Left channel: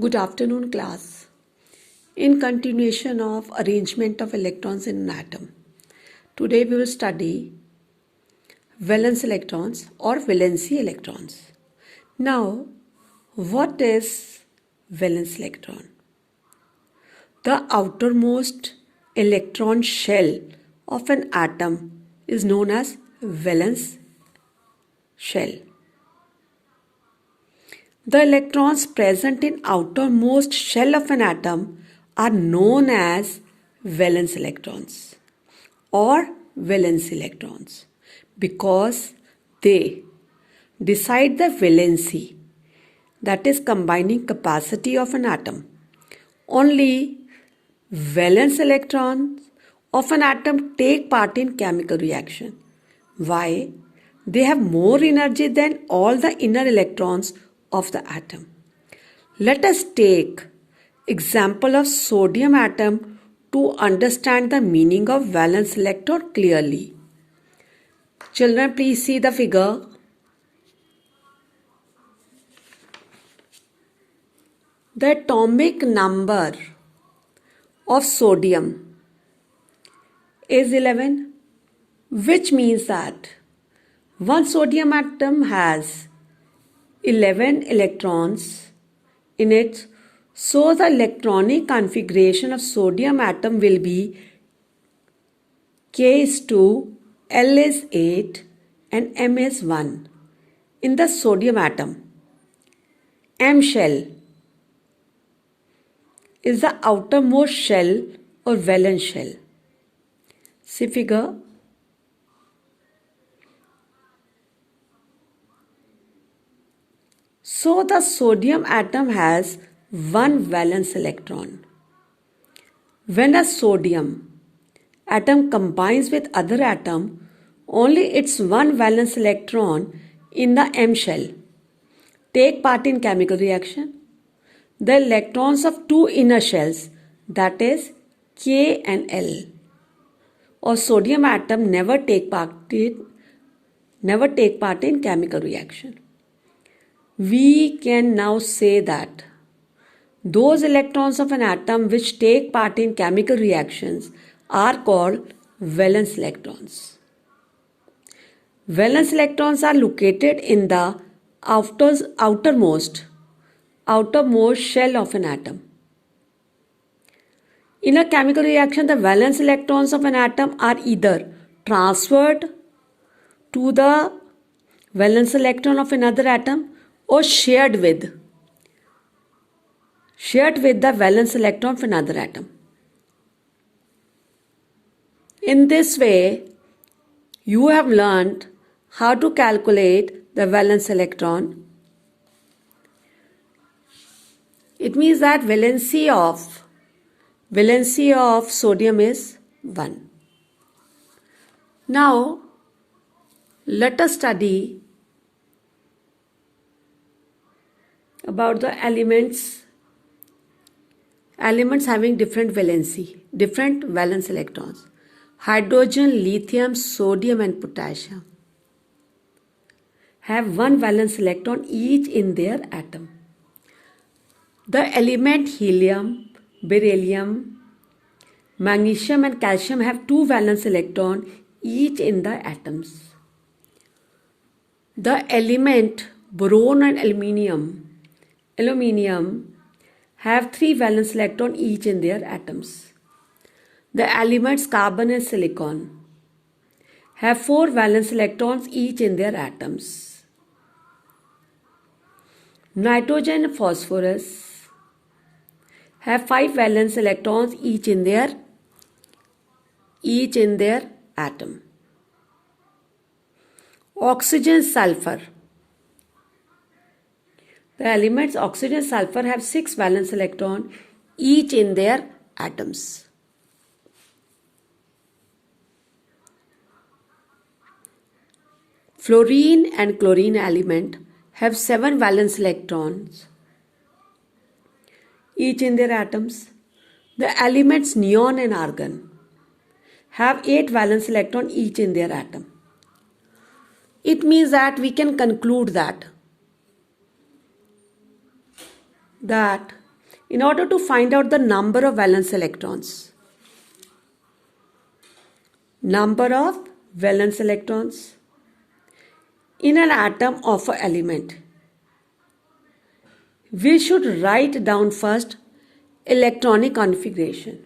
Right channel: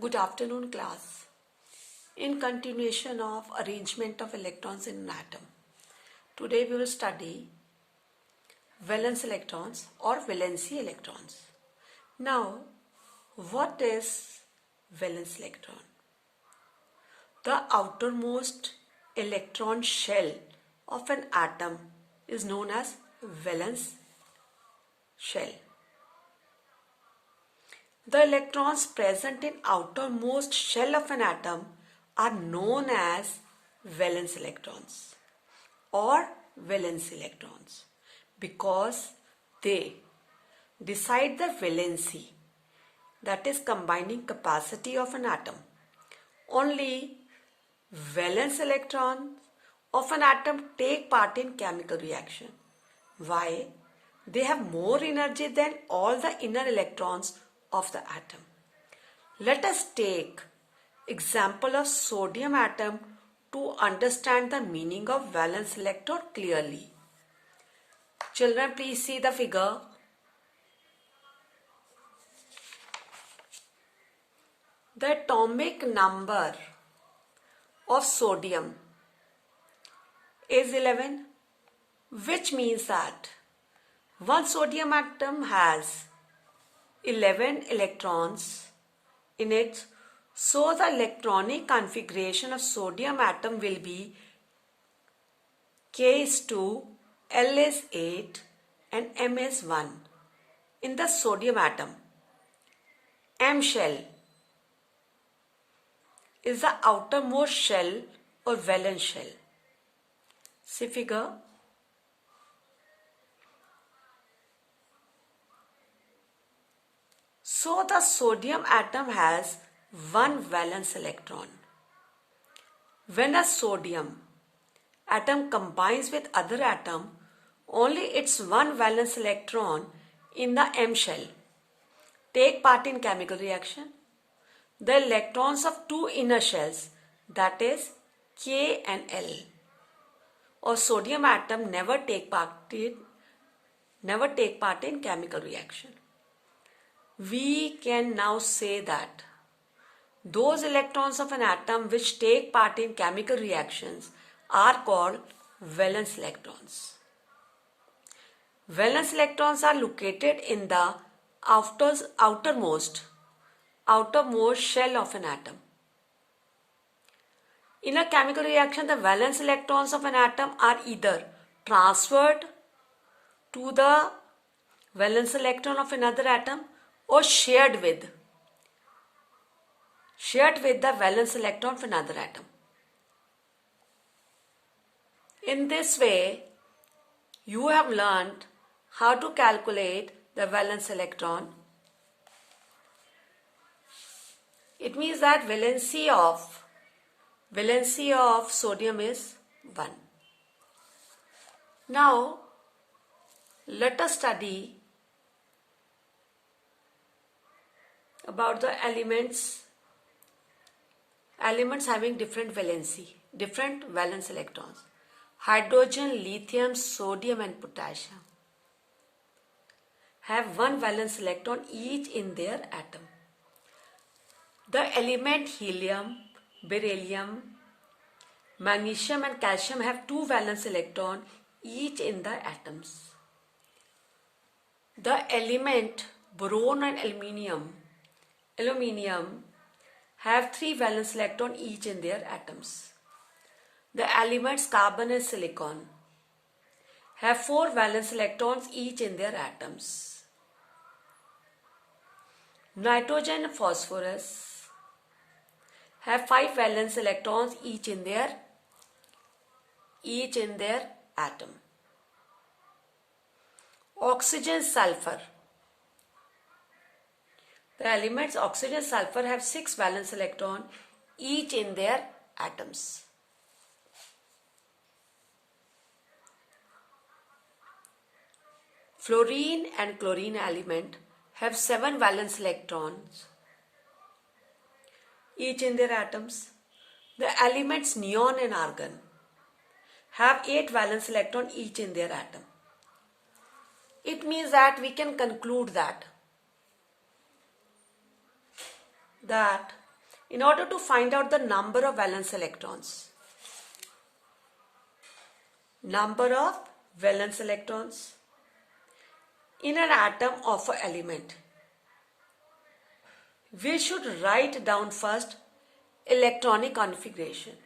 Good afternoon, class. In continuation of arrangement of electrons in an atom, today we will study valence electrons or valency electrons. Now, what is valence electron? The outermost electron shell of an atom is known as valence shell. The electrons present in outermost shell of an atom are known as valence electrons or valence electrons because they decide the valency, that is combining capacity of an atom. Only valence electrons of an atom take part in chemical reaction. Why? They have more energy than all the inner electrons of the atom. Let us take example of sodium atom to understand the meaning of valence electron clearly. Children, please see the figure. The atomic number of sodium is 11, which means that one sodium atom has 11 electrons in it. So the electronic configuration of sodium atom will be K is 2, L is 8 and M is 1 in the sodium atom. M shell is the outermost shell or valence shell. See figure. So the sodium atom has one valence electron. When a sodium atom combines with other atom, only its one valence electron in the M shell take part in chemical reaction. The electrons of two inner shells, that is K and L, or sodium atom never take part in chemical reaction. We can now say that those electrons of an atom which take part in chemical reactions are called valence electrons. Valence electrons are located in the outermost shell of an atom. In a chemical reaction, the valence electrons of an atom are either transferred to the valence electron of another atom or shared with the valence electron of another atom. In this way, you have learned how to calculate the valence electron. It means that valency of sodium is 1. Now, let us study about the elements having different valence electrons. Hydrogen, lithium, sodium and potassium have one valence electron each in their atom. The element helium, beryllium, magnesium and calcium have two valence electrons each in the atoms. The element boron and aluminium have three valence electrons each in their atoms. The elements carbon and silicon have four valence electrons each in their atoms. Nitrogen and phosphorus have five valence electrons each in their atom. Oxygen, sulfur. The elements oxygen and sulfur have 6 valence electrons each in their atoms. Fluorine and chlorine element have 7 valence electrons each in their atoms. The elements neon and argon have 8 valence electrons each in their atom. It means that we can conclude that in order to find out the number of valence electrons. Number of valence electrons in an atom of an element. We should write down first electronic configuration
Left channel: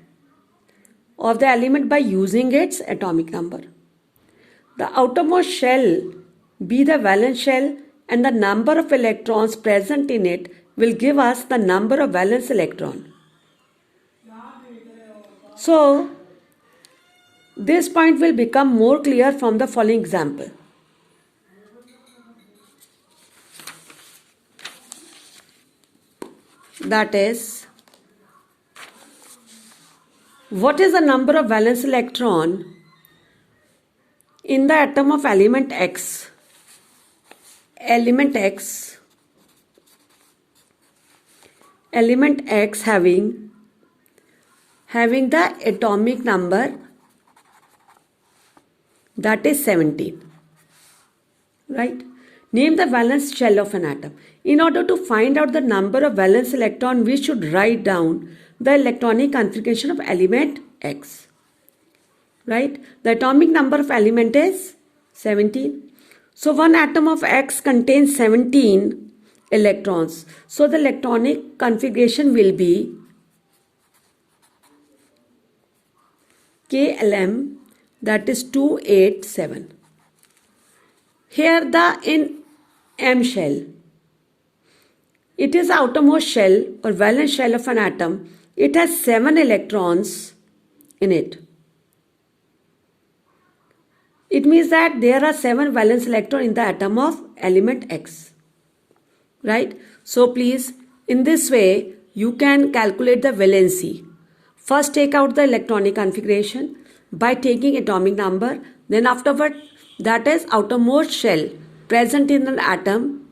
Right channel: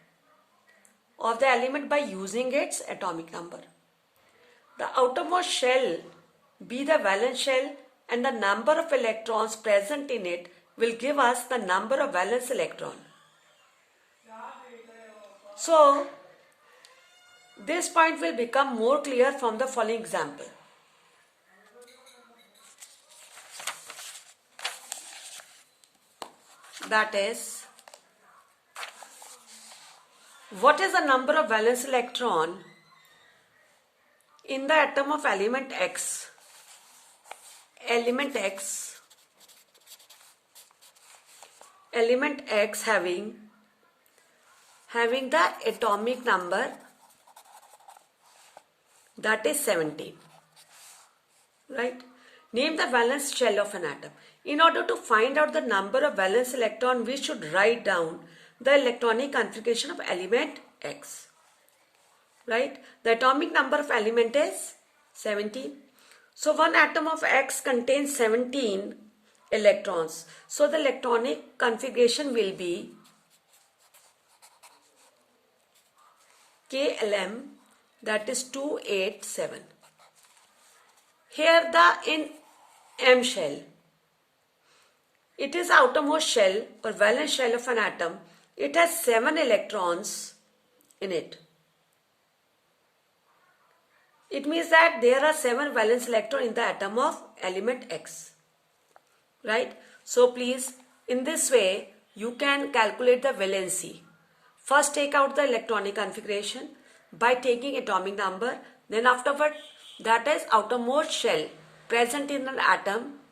of the element by using its atomic number. The outermost shell be the valence shell, and the number of electrons present in it will give us the number of valence electron. So, this point will become more clear from the following example. That is, what is the number of valence electron in the atom of element X? Element X having the atomic number that is 17. Right? Name the valence shell of an atom. In order to find out the number of valence electron, we should write down the electronic configuration of element X. Right? The atomic number of element is 17. So one atom of X contains 17 electrons. So the electronic configuration will be KLM, that is 287. Here in M shell, it is the outermost shell or valence shell of an atom. It has 7 electrons in it. It means that there are 7 valence electrons in the atom of element X. Right? So please, in this way, you can calculate the valency. First take out the electronic configuration by taking atomic number. Then afterward, that is outermost shell present in an atom,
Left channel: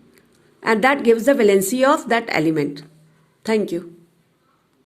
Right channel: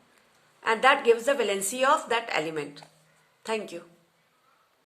and that gives the valency of that element. Thank you.